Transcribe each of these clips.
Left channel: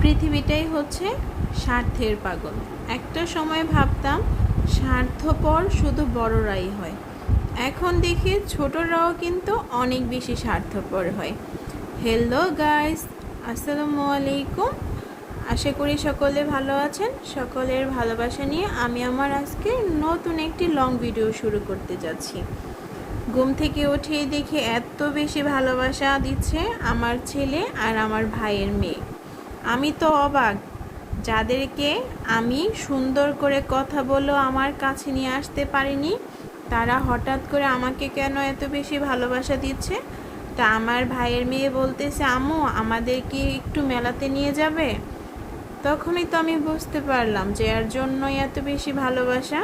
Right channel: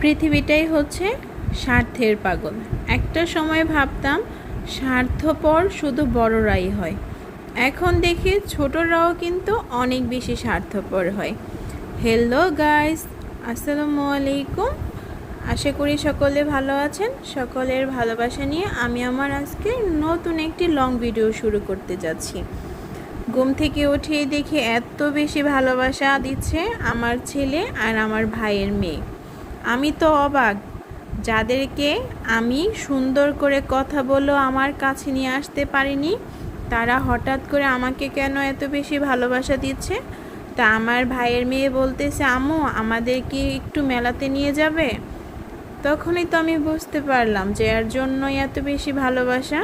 পৃথিবীটাই হচ্ছে স্বার্থের পাগল। একটা সময় ভাবতাম স্বার্থপর শুধু বড়রাই হয়, এখন দেখি ছোটরাও কিন্তু অনেক বেশি স্বার্থপর হয়। হ্যালো গাইস, আসসালামু আলাইকুম। আশা করি সকলে ভালো আছেন। সকলের ভালোবাসা নিয়ে আমি আমার আজকে নতুন একটি লং ভিডিও শুরু করতে যাচ্ছি। ঘুম থেকে উঠে দেখে এত বেশি ভালোবাসা দিচ্ছে আমার ছেলে আর আমার ভাইয়ের মেয়ে। আমি তো অবাক, যাদেরকে আমি সুন্দর করে কথা বলেও আমার কাছে নিয়ে আসতে পারিনি, তারা হঠাৎ করে আমাকে কেন এত বেশি ভালোবাসা দিচ্ছে। তা আমার ভাইয়ের মেয়ে বলতেছে, আম্মু আমাদেরকে একটু মেলাতে নিয়ে যাবে। তখনই তো আমি বুঝতে পারলাম যে এর জন্যই এত বেশি ভালোবাসা।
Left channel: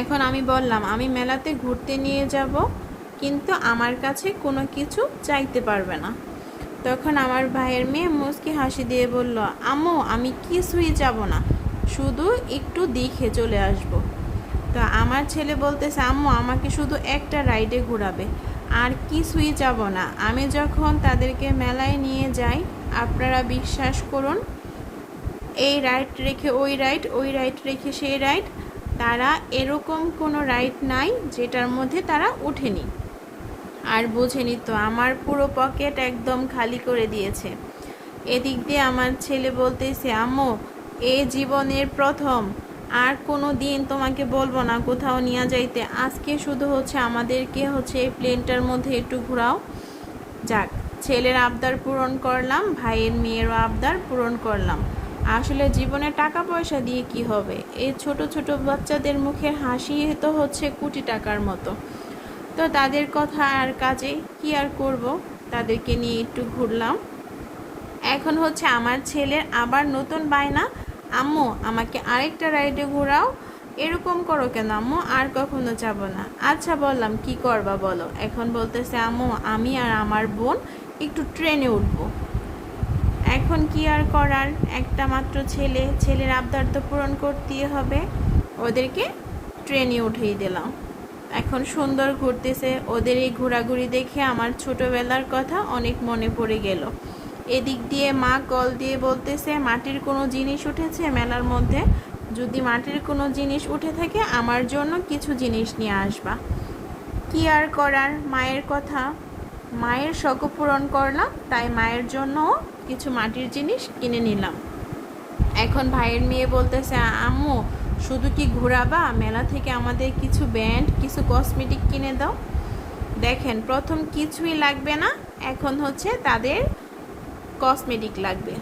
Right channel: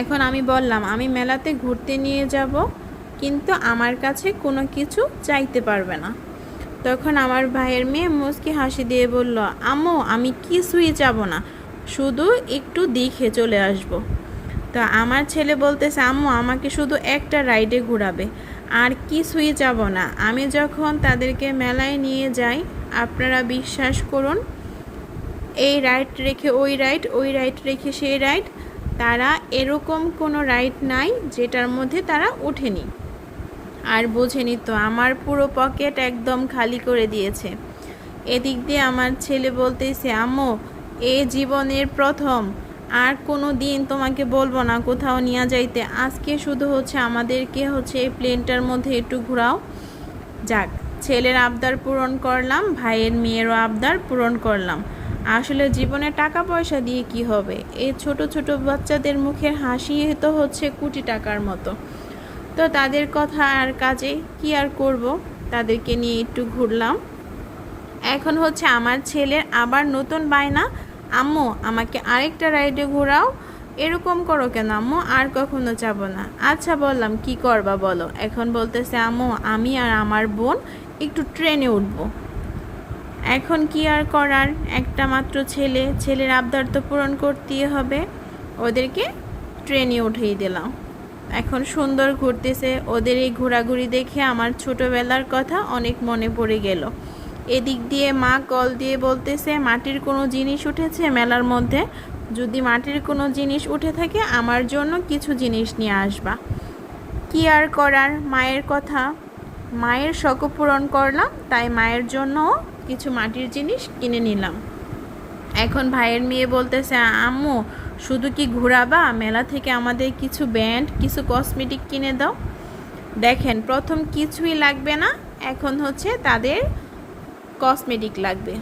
এখন আমি বললাম আমি মেলাতে ঘুরতে নিয়ে যাব, কিন্তু আমার কাছে কোনো কিছু চাইতে পারবে না। তখন আমার ভাইয়ের মেয়ে মুচকি হাসি দিয়ে বলল, আম্মু আমি কিছুই যাব না, শুধু একটু দেখে চলে আসব। তা আমার ছেলে বলতেছে, আম্মু আমাকে শুধু একটা রাইডে ঘোরাবে, আর কিছুই যাব না। আমি যখন তাদেরকে মেলায় নিয়ে যাই, আপনারা বিশ্বাস করুন, এই রাইড রেখে ওই রাইড, ওই রাইড রেখে সেই রাইড, তারা এরকম কোনো রাইড নাই যেটার মধ্যে তারা ওঠেনি। আর বোঝেনি তো, আমার পুরো পকেট একদম খালি করে দিয়েছে। এদিক দিয়ে আমার ছেলে বলতেছে, আম্মু এ জীবনের প্রথম, আর কোনো দিন তোমাকে বলবো না কোথাও নিয়ে যাইতে। আজকে শুধু আমাদেরকে এই প্লেনটার মধ্যে একটু ঘোরাও। যাক, ছেলের আবদার পূরণ করলাম, ভাইয়ের মেয়েরও আবদার পূরণ করলাম। আসলে জীবনে টাকা পয়সা দিয়ে কি হবে? এই ছোট ছোট বাচ্চাদের মুখের হাসি তো কোটি টাকার মতো। তো তাদের কথা আর কাজে কি আর করব, তাদেরকে নিয়ে একটু ঘুরলাম। এখন আমার ছেলের আবার নতুন বায়না, আম্মু আমাকে আরেকটা রাইডে ঘোরাও। এরকম করো কেন আম্মু, আর কখনো যাব না। আচ্ছা বললাম, কি করবা বলো। এখন বলতেছে, আম্মু আমি আর আমার বোন একটু ট্রেনে উঠবো। এখন কি আর করার, একটা মাত্র ছেলে, ছেলের আবদার তো পূরণ করতেই হবে। ওদেরকে ট্রেনে উঠিয়ে দিলাম। এখন সুন্দর ঘুরতেছে। ওদের এই ঘোরাঘুরি দেখে আমার ছোটবেলার কথা অনেক মনে পড়ে গেল। এদিক দিয়ে মা কল দিয়ে বলতেছে, মাটির কোনো জিনিস উঠেছে মেলার মধ্যে, যদি মাটির কোনো জিনিস উঠে থাকে আমার জন্য কিছু জিনিস নিয়ে আসবা। কি আর করার, মায়ের কথা, মায়ের শখ পূরণ করলাম, তাই মায়ের জন্য কিছু মাটির জিনিস কিনে নিলাম। এখন ভাইয়ের মেয়ে বলতেছে, আম্মু শুধু কি ঘোরাবা, মেলা থেকে আমাদের কিছু ব্যান্ড, কিছু কসমেটিক কিনে দাও। দেখেন, প্রথম কিছুই লাগবে না, এখন তাদের কসমেটিক লাগবে।